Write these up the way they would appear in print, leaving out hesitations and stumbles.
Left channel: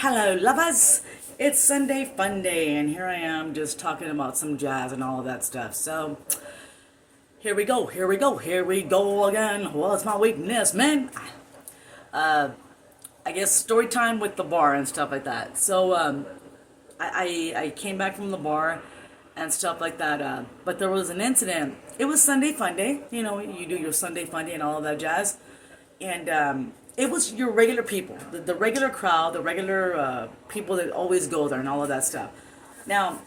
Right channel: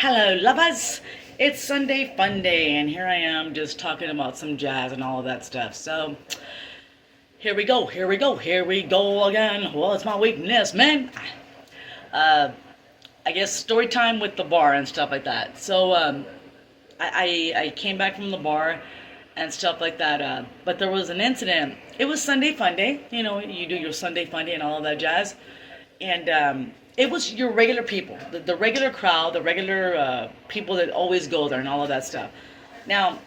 Hello, lovers. It's Sunday Funday, and here I am just talking about some jazz and all of that stuff. So, here we go, here we go again. What's my weakness, man? Uh, I guess story time with the bar and stuff like that. So, I came back from the bar and stuff like that. But there was an incident. It was Sunday Funday. You know, you do your Sunday Funday and all of that jazz. And it was your regular people, the regular crowd, the regular people that always go there and all of that stuff. Now,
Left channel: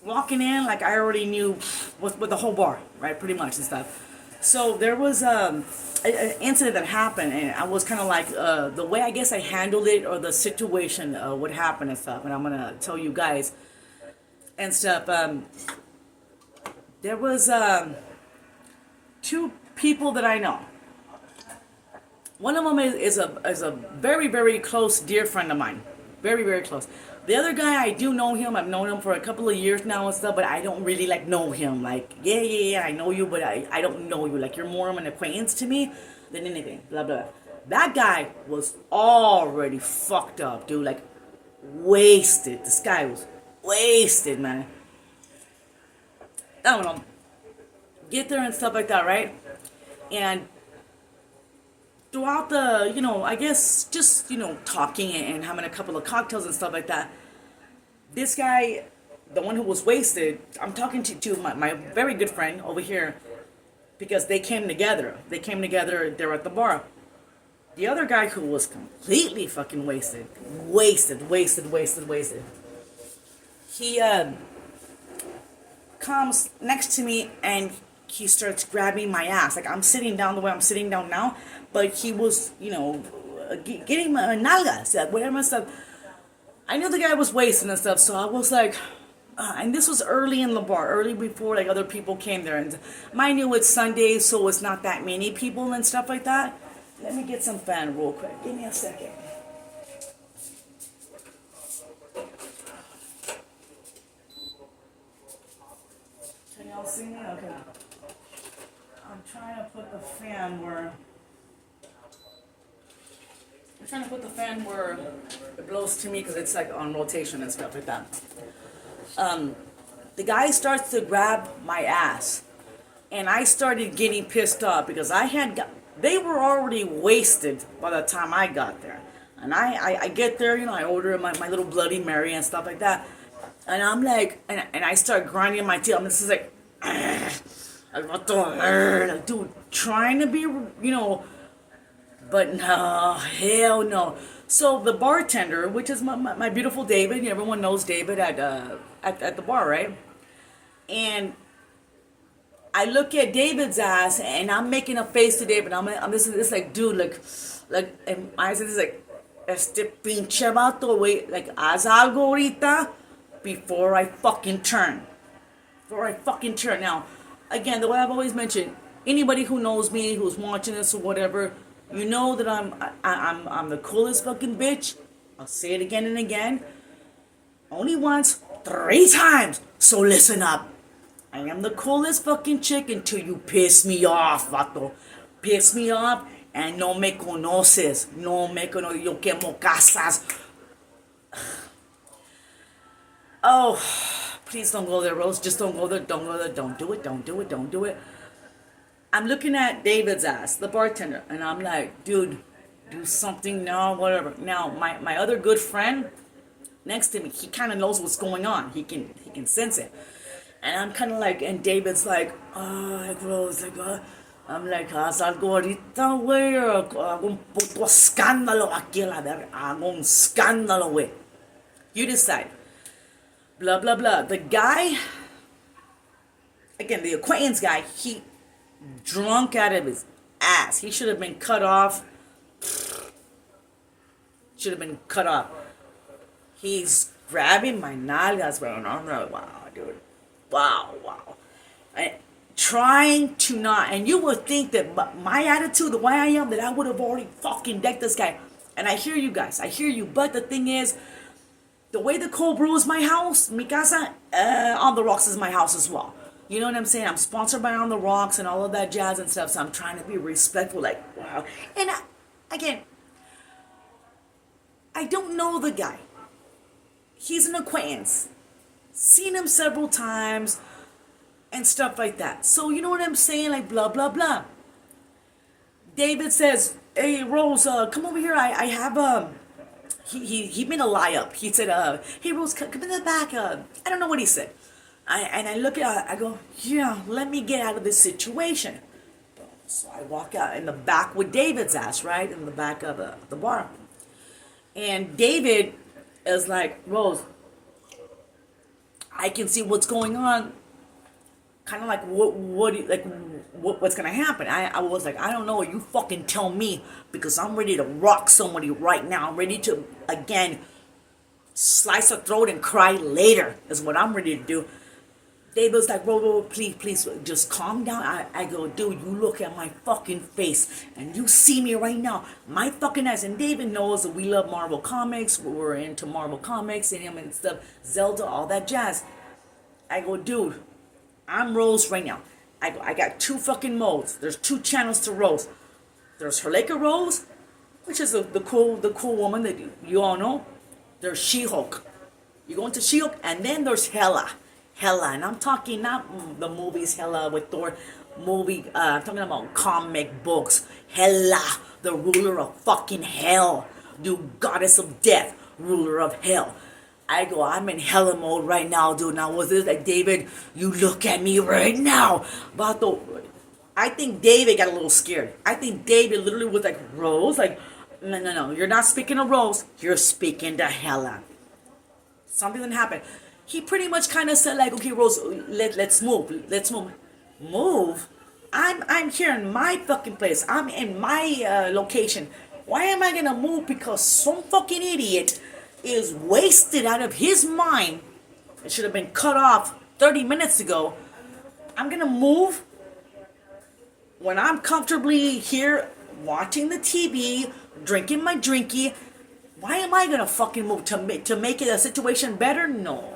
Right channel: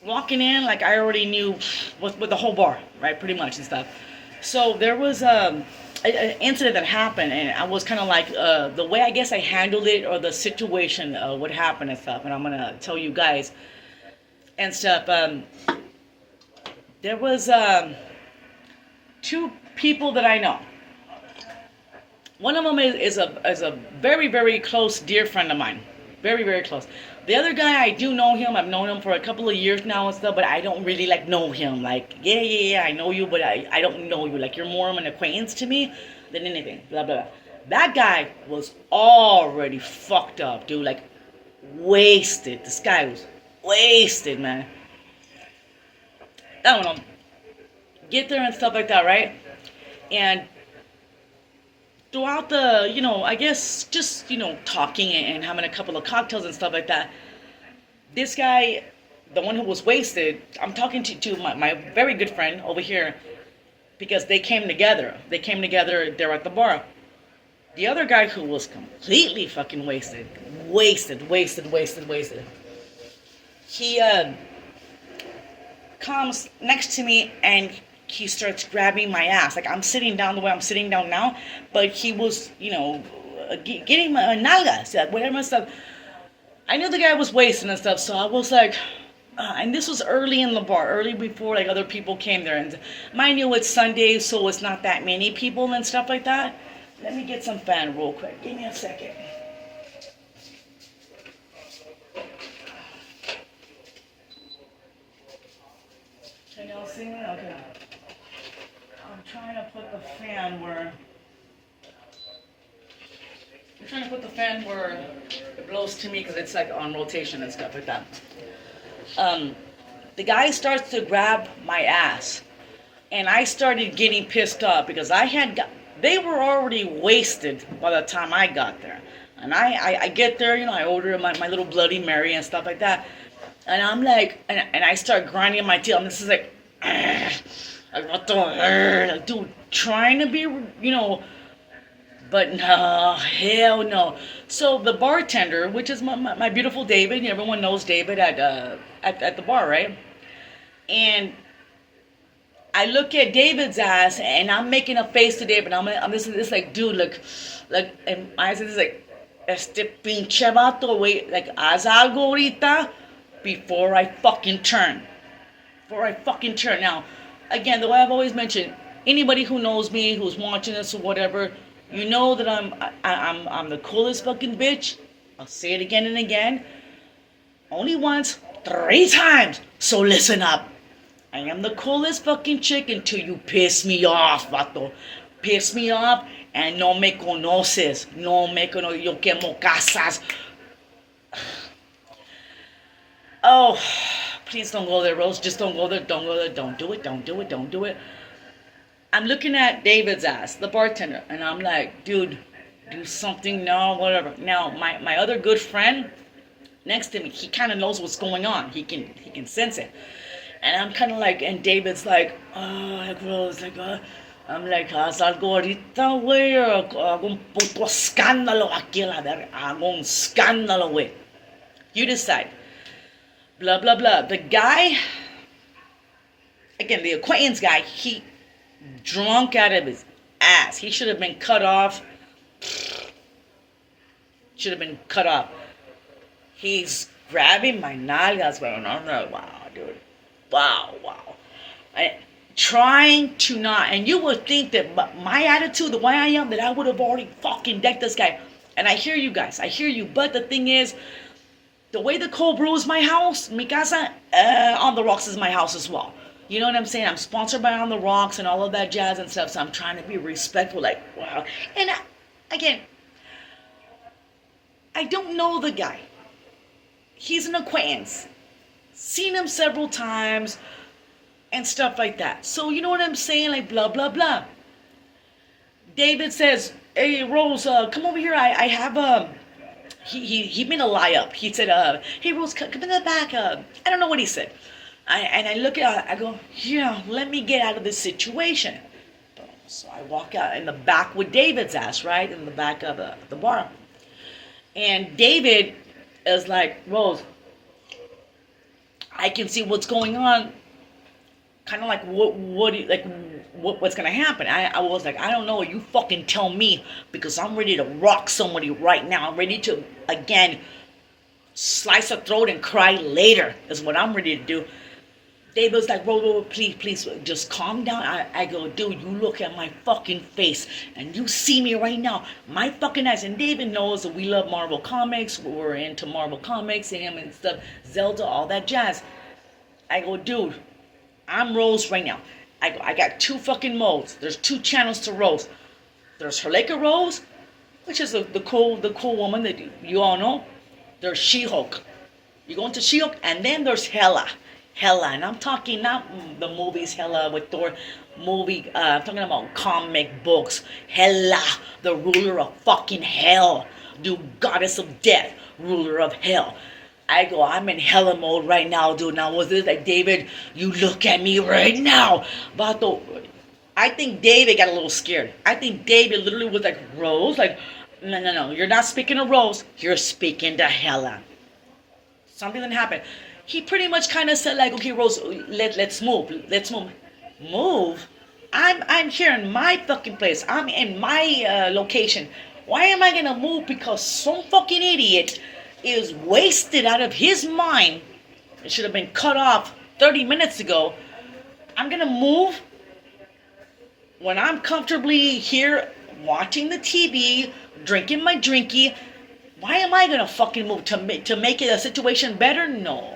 walking in, like I already knew with the whole bar, right, pretty much and stuff. So there was an incident that happened, and I was kind of like the way I guess I handled it or the situation, what happened and stuff. And I'm gonna tell you guys and stuff. There was two people that I know. One of them is a very very close dear friend of mine, very very close. The other guy I do know him. I've known him for a couple of years now and stuff, but I don't really like know him. Like yeah I know you, but I don't know you. Like you're more of an acquaintance to me than anything. Blah blah. Blah. That guy was already fucked up, dude. Like wasted. This guy was wasted, man. I don't know. Get there and stuff like that, right? And throughout the, I guess just, talking and having a couple of cocktails and stuff like that, this guy, the one who was wasted, I'm talking to my very good friend over here because they came together. They came together there at the bar. The other guy who was completely fucking wasted. He comes next to me and he starts grabbing my ass. Like I'm sitting down the way I'm sitting down now, but he was, getting my nalgas, like whatever stuff. I knew the guy was wasting and stuff, so I was like, and this was early in the bar, early before like other people came there. And mind you, it's Sunday, so it's not that many people and stuff like that. Let me get some fan real quick. Give me a second. Can y'all see me? Okay. I'm trying to put the fan where it blows to me because it's like on rotation and stuff like that. The guy starts to grab my ass, and I started getting pissed off because they were already wasted by the time I got there, and I get there, I order my little Bloody Mary and stuff like that, and I'm like, and I start grinding my teeth. I'm just like. Like, dude, trying to be, but no, hell no. So the bartender, which is my beautiful David, everyone knows David at the bar, right? And I look at David's ass, and I'm making a face to David. I'm this like, dude, like, and my eyes is like, este pinche vato, wait, like, haz algo ahorita before I fucking turn. Now, again, the way I've always mentioned, anybody who knows me, who's watching this or whatever, you know that I'm the coolest fucking bitch. I'll say it again and again. Only once, 3 times. So listen up. I am the coolest fucking chick until you piss me off, vato. Piss me off and no me conoces. Yo quemo casas. Oh. Please don't go there, Rose. Just don't go there. Don't go there. Don't do it. I'm looking at David's ass, the bartender, and I'm like, dude, do something now, whatever. Now, my other good friend next to me, he kind of knows what's going on. He can sense it. And I'm kind of like, and David's like, oh, like, Rose, like, I'm like, haz algo ahorita, güey. Hago un puto escándalo aquí, la verga. Hago un escándalo, güey. You decide. Blah, blah, blah. The guy, again, the acquaintance guy, he drunk out of his ass. He should have been cut off. He's grabbing my nalgas, bro. And I'm like, wow, dude. Wow. Trying to not, and you would think that my attitude, the way I am, that I would have already fucking decked this guy. And I hear you guys. But the thing is, the way the cold brew is my house, mi casa, On the Rocks is my house as well. You know what I'm saying? I'm sponsored by On the Rocks and all of that jazz and stuff, so I'm trying to be respectful, like, wow. And again, I don't know the guy. He's an acquaintance. Seen him several times and stuff like that. So you know what I'm saying? Like blah blah blah. David says, "Hey Rose, come over here. I have he made a lie up. He said, hey Rose, come in the back. I don't know what he said. I look at, I go, yeah, let me get out of this situation. So I walk out in the back with David's ass, right? In the back of the bar. And David is like, Rose, I can see what's going on. Kind of like what's gonna happen? I was like, I don't know. You fucking tell me, because I'm ready to rock somebody right now. I'm ready to again slice a throat and cry later. Is what I'm ready to do. David was like, Rose, please, just calm down. I go, dude, you look at my fucking face and you see me right now. My fucking eyes. And David knows that we love Marvel Comics. We're into Marvel Comics and him and stuff. Zelda, all that jazz. I go, dude, I'm Rose right now. I got two fucking modes. There's two channels to Rose. There's Herleka Rose, which is the cool woman that you all know. There's She-Hulk. You go into She-Hulk, and then there's Hela, and I'm talking not the movies Hela with Thor movie. I'm talking about comic books. Hela, the ruler of fucking hell, dude, goddess of death, ruler of hell. I go, I'm in hella mode right now, dude. Now, was this like, David, you look at me right now. Vato, I think David got a little scared. I think David literally was like, Rose? Like, no. You're not speaking to Rose. You're speaking to Hela. Something didn't happen. He pretty much kind of said like, okay, Rose, let's move. Let's move. Move? I'm here in my fucking place. I'm in my location. Why am I going to move? Because some fucking idiot is wasted out of his mind. It should have been cut off 30 minutes ago. I'm gonna move when I'm comfortably here watching the TV, drinking my drinky. Why am I gonna fucking move to make it a situation better? No.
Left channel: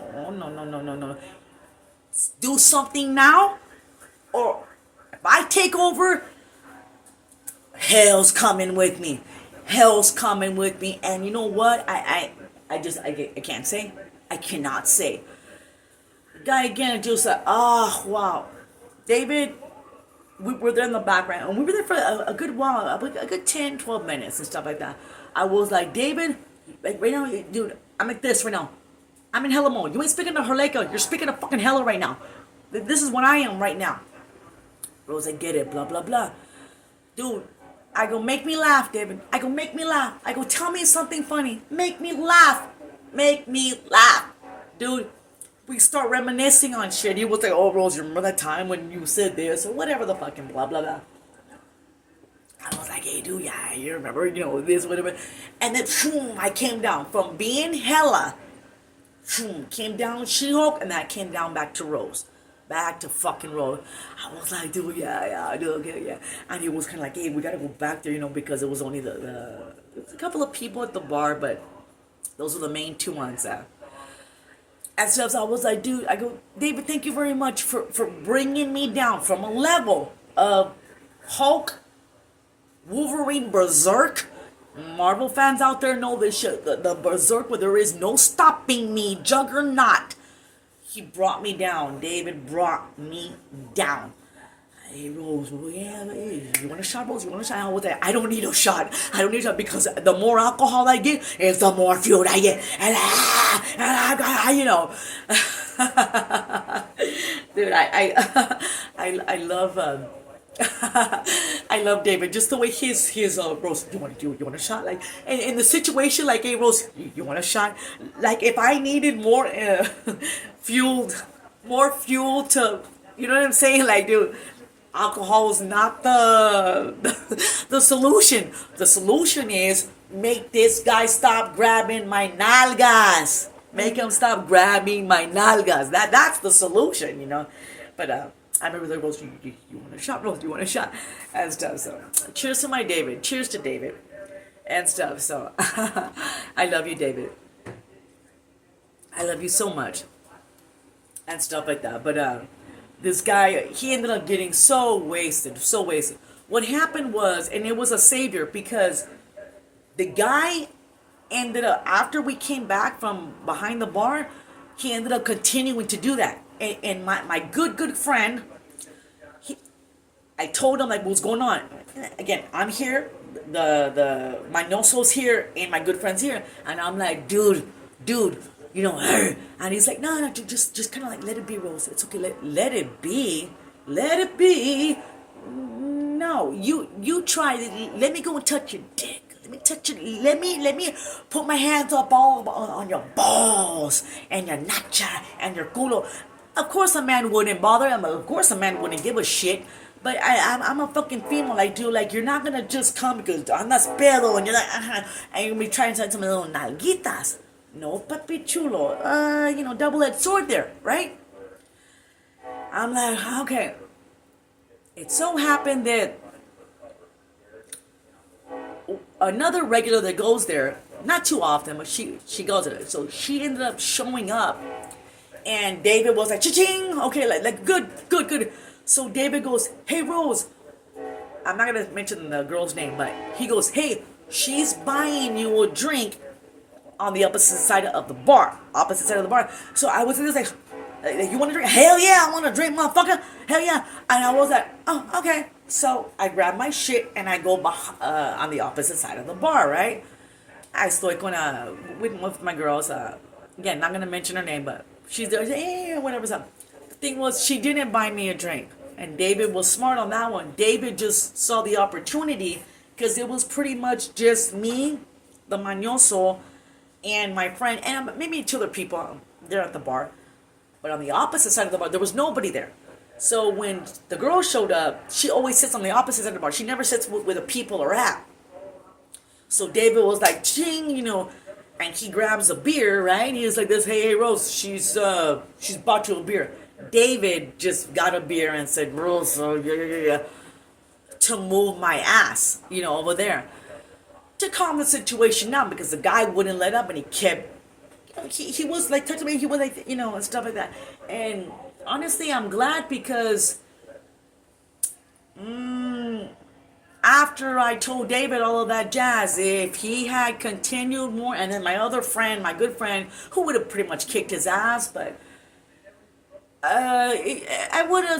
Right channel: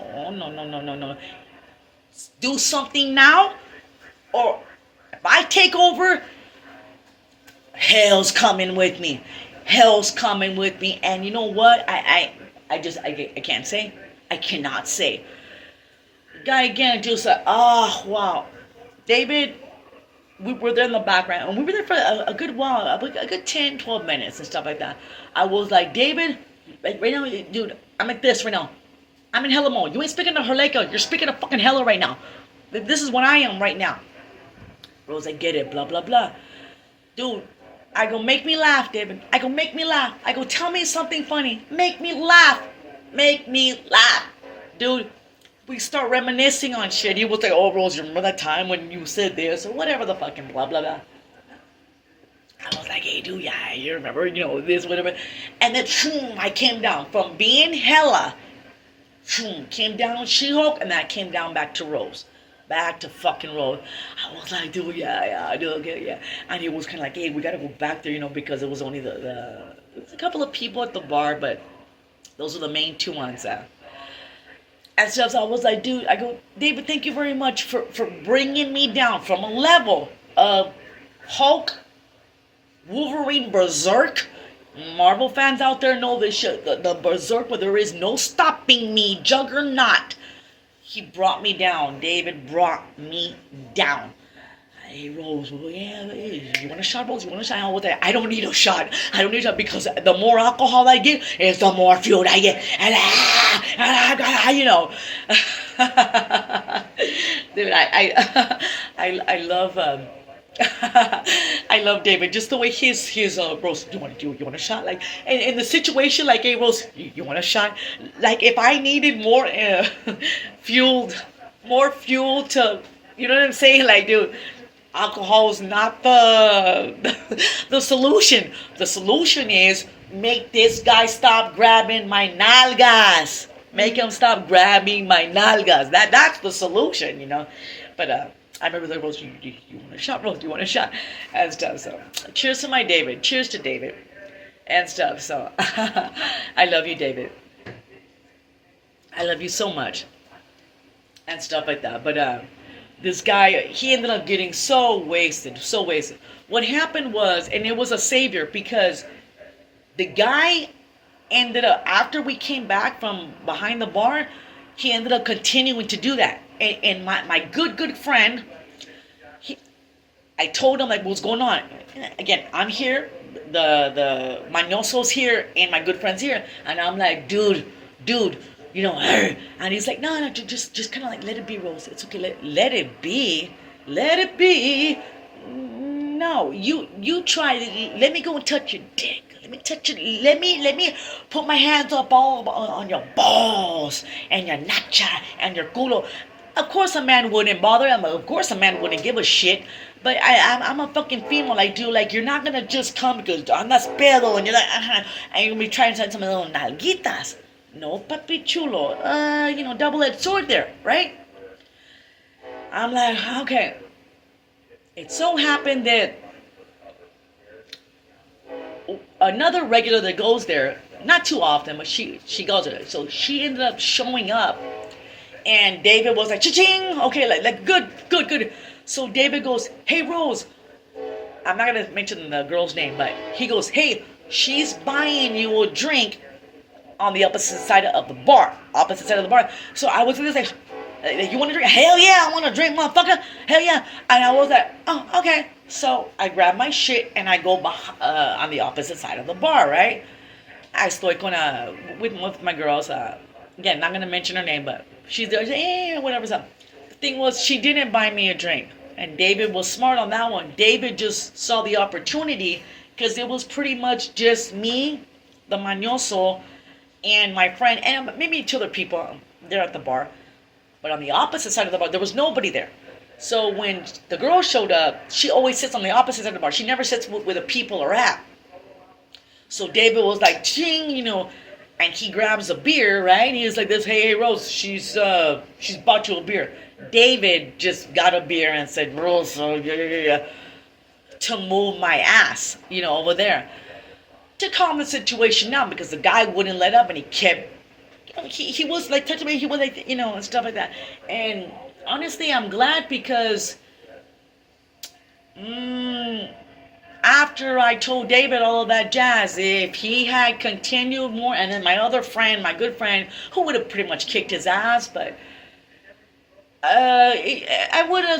Do something now, or if I take over, hell's coming with me. Hell's coming with me. And you know what? I can't say. I cannot say. The guy again just like, oh, wow. David, we were there in the background. And we were there for a good while, a good 10, 12 minutes and stuff like that. I was like, David, like right now, dude, I'm like this right now. I'm in hella mode. You ain't speaking to Herleka. You're speaking to fucking hella right now. This is what I am right now. Rose, I get it, blah, blah, blah. Dude, I go, make me laugh, David. I go, make me laugh. I go, tell me something funny. Make me laugh. Make me laugh. Dude, we start reminiscing on shit. He was like, oh, Rose, you remember that time when you said this? Or whatever the fucking blah, blah, blah. I was like, hey, dude, yeah, you remember, this, whatever. And then, boom, I came down. From being Hela, boom, came down She-Hulk, and then I came down back to Rose. Back to fucking Rose. I was like, dude, yeah, dude, okay, yeah. And he was kind of like, hey, we got to go back there, because it was only a couple of people at the bar, but those were the main two ones. And stuff, so I was like, dude, I go, David, thank you very much for bringing me down from a level of Hulk, Wolverine, Berserk. Marvel fans out there know this shit. The Berserk where there is no stopping me, Juggernaut. He brought me down. David brought me down. Hey, Rose, yeah, you want a shot, Rose? You want a shot? I don't need a shot. I don't need a shot because the more alcohol I get, is the more fuel I get. And dude, I love I love David. Just the way his Rose, you want a shot? Like in the situation, like, hey, Rose, you want a shot? Like if I needed more fuel to, you know what I'm saying? Like, dude, alcohol is not the solution. The solution is make this guy stop grabbing my nalgas. Make him stop grabbing my nalgas. That's the solution, But I remember like, Rose, you want a shot, Rose? You want a shot? And stuff. So cheers to my David. Cheers to David. And stuff. So I love you, David. I love you so much. And stuff like that. But this guy, he ended up getting so wasted. What happened was, and it was a savior, because the guy ended up, after we came back from behind the bar, he ended up continuing to do that. And my good friend, he, I told him like what's going on. Again, I'm here, the Manoso's here, and my good friend's here, and I'm like, dude, you know, and he's like, no, just kind of like let it be, Rose. It's okay, let it be, let it be. No, you try. Let me go and touch your dick. Let me touch it. Let me put my hands up all on your balls and your nacha and your culo. Of course, a man wouldn't bother. Of course, a man wouldn't give a shit. But I'm a fucking female. Like, dude, like you're not gonna just come because I'm not pedo and you're like, and you're gonna be trying to some little nalguitas. No, papi chulo. Double-edged sword there, right? I'm like, okay. It so happened that another regular that goes there, not too often, but she goes there. So she ended up showing up, and David was like, cha-ching, okay, like good. So David goes, hey Rose, I'm not gonna mention the girl's name, but he goes, hey, she's buying you a drink on the opposite side of the bar. So I was just like, you want to drink? Hell yeah, I want to drink, motherfucker. Hell yeah. And I was like, oh, okay. So I grab my shit and I go on the opposite side of the bar, right? I estoy with my girls. Again, not going to mention her name, but she's there. Hey, whatever's up. The thing was, she didn't buy me a drink. And David was smart on that one. David just saw the opportunity because it was pretty much just me, the mañoso, and my friend, and maybe two other people there at the bar. But on the opposite side of the bar, there was nobody there. So when the girl showed up, she always sits on the opposite side of the bar. She never sits where the people are at. So David was like, ching, and he grabs a beer, right? And he was like this, hey, Rose, she's bought you a beer. David just got a beer and said, Rose, yeah, to move my ass, over there. To calm the situation down because the guy wouldn't let up and he kept, he was like touching me, he was like, and stuff like that. And honestly, I'm glad because after I told David all of that jazz, if he had continued more, and then my other friend, my good friend, who would have pretty much kicked his ass, but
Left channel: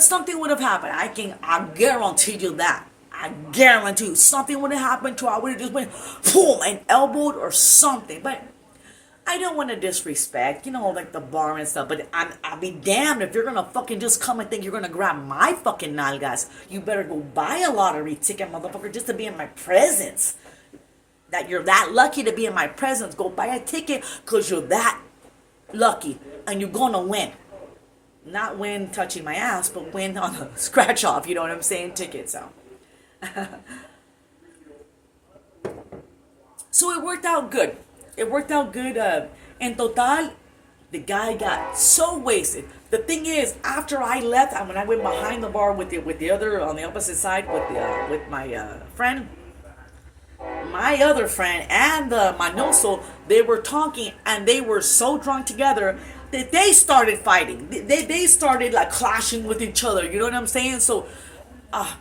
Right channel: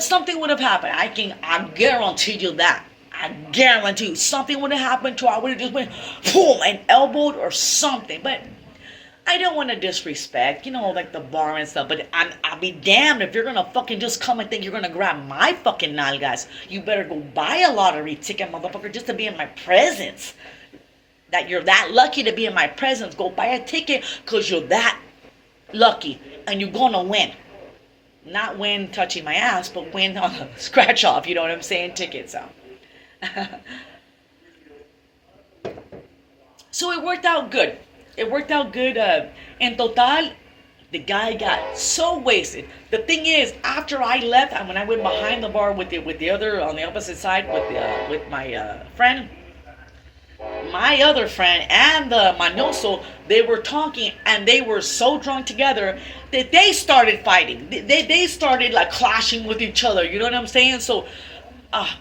something would have happened. I guarantee you that. I guarantee you something would have happened to her. I would have just went boom and elbowed or something. But I don't want to disrespect, like the bar and stuff. But I'll be damned if you're gonna fucking just come and think you're gonna grab my fucking nalgas. You better go buy a lottery ticket, motherfucker, just to be in my presence. That you're that lucky to be in my presence. Go buy a ticket because you're that lucky and you're gonna win. Not win touching my ass, but win on a scratch off. You know what I'm saying? Ticket. So it worked out good. In total, the guy got so wasted. The thing is, after I left, when I went behind the bar with the other on the opposite side with my friend, my other friend and the manoso, they were talking and they were so drunk together that they started fighting. They started like clashing with each other. You know what I'm saying? So,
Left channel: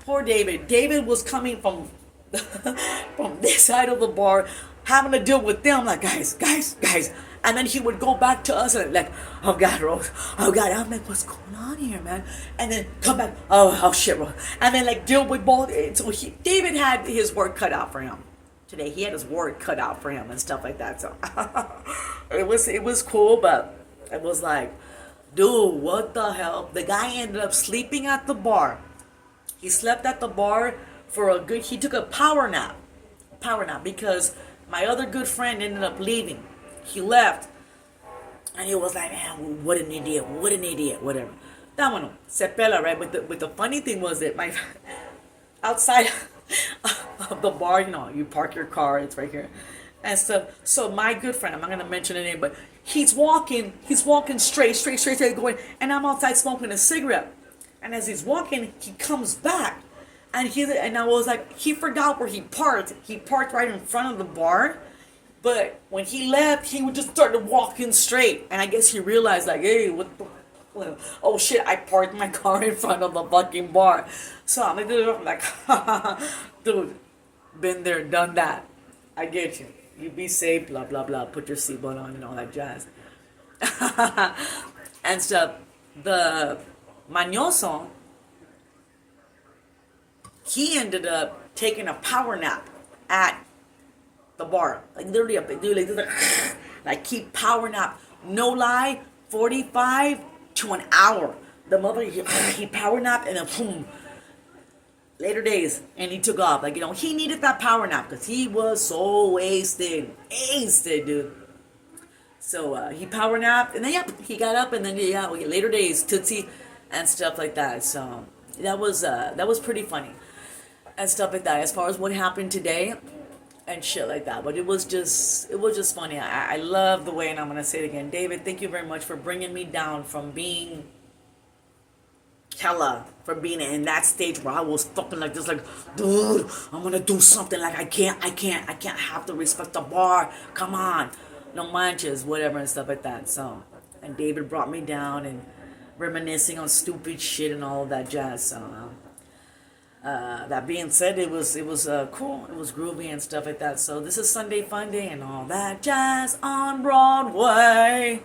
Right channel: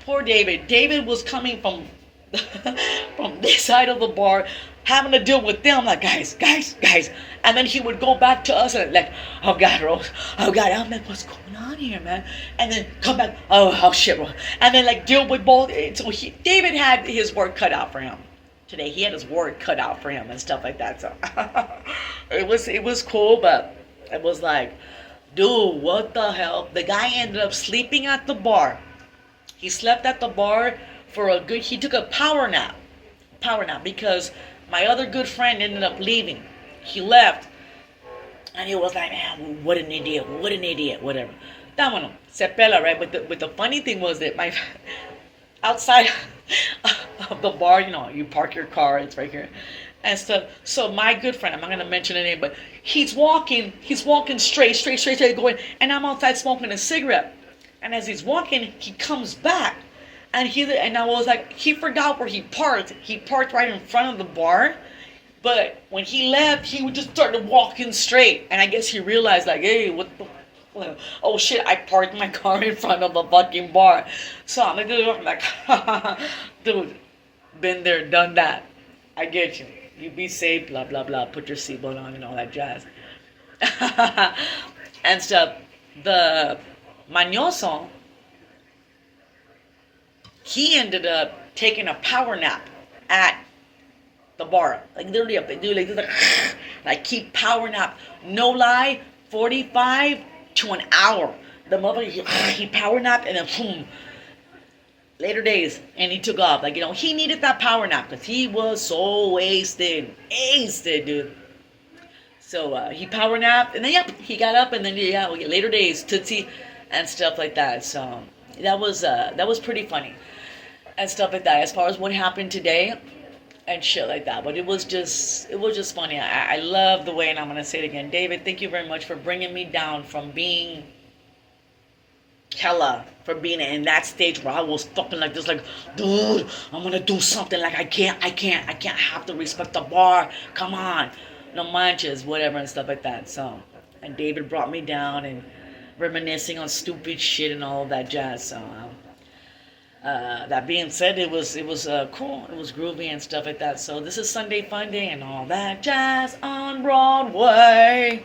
poor David. David was coming from from this side of the bar, having to deal with them. Like guys, and then he would go back to us and like, oh God, Rose, oh God, I'm like, what's going on here, man? And then come back, oh shit, Rose, and then like deal with both. So David had his work cut out for him. Today he had his work cut out for him and stuff like that. So it was cool, but it was like, dude, what the hell? The guy ended up sleeping at the bar. He slept at the bar he took a power nap because my other good friend ended up leaving. He left and he was like, man, what an idiot, whatever. That one, Cepela, right? But the funny thing was that my outside of the bar, you park your car, it's right here and stuff. So my good friend, I'm not gonna mention the name, but he's walking straight going, and I'm outside smoking a cigarette. And as he's walking, he comes back, and I was like, he forgot where he parked. He parked right in front of the bar, but when he left, he would just started walking straight. And I guess he realized, like, hey, what the? Oh shit! I parked my car in front of the fucking bar. So I'm like, dude, been there, done that. I get you. You be safe, blah blah blah. Put your seatbelt on and all that jazz. And stuff. The mañoso, he ended up taking a power nap at the bar. Like literally up and do like this, like keep power nap. No lie, 45 to an hour. The motherfucker he power napped and then boom. Later days, and he took off. Like, he needed that power nap because he was so wasted. Wasted, dude. So he power napped, and then he got up, and then later days, Tootsie, and stuff like that. So that was pretty funny, and stuff like that. As far as what happened today, and shit like that. But it was just funny. I love the way, and I'm gonna say it again, David. Thank you very much for bringing me down from being hella, for being in that stage where I was fucking like this, like, dude, I'm gonna do something. Like I can't have to respect the bar. Come on, no manches, whatever and stuff like that. So, and David brought me down and reminiscing on stupid shit and all of that jazz. So, that being said, it was cool. It was groovy and stuff like that. So this is Sunday Funday and all that jazz on Broadway.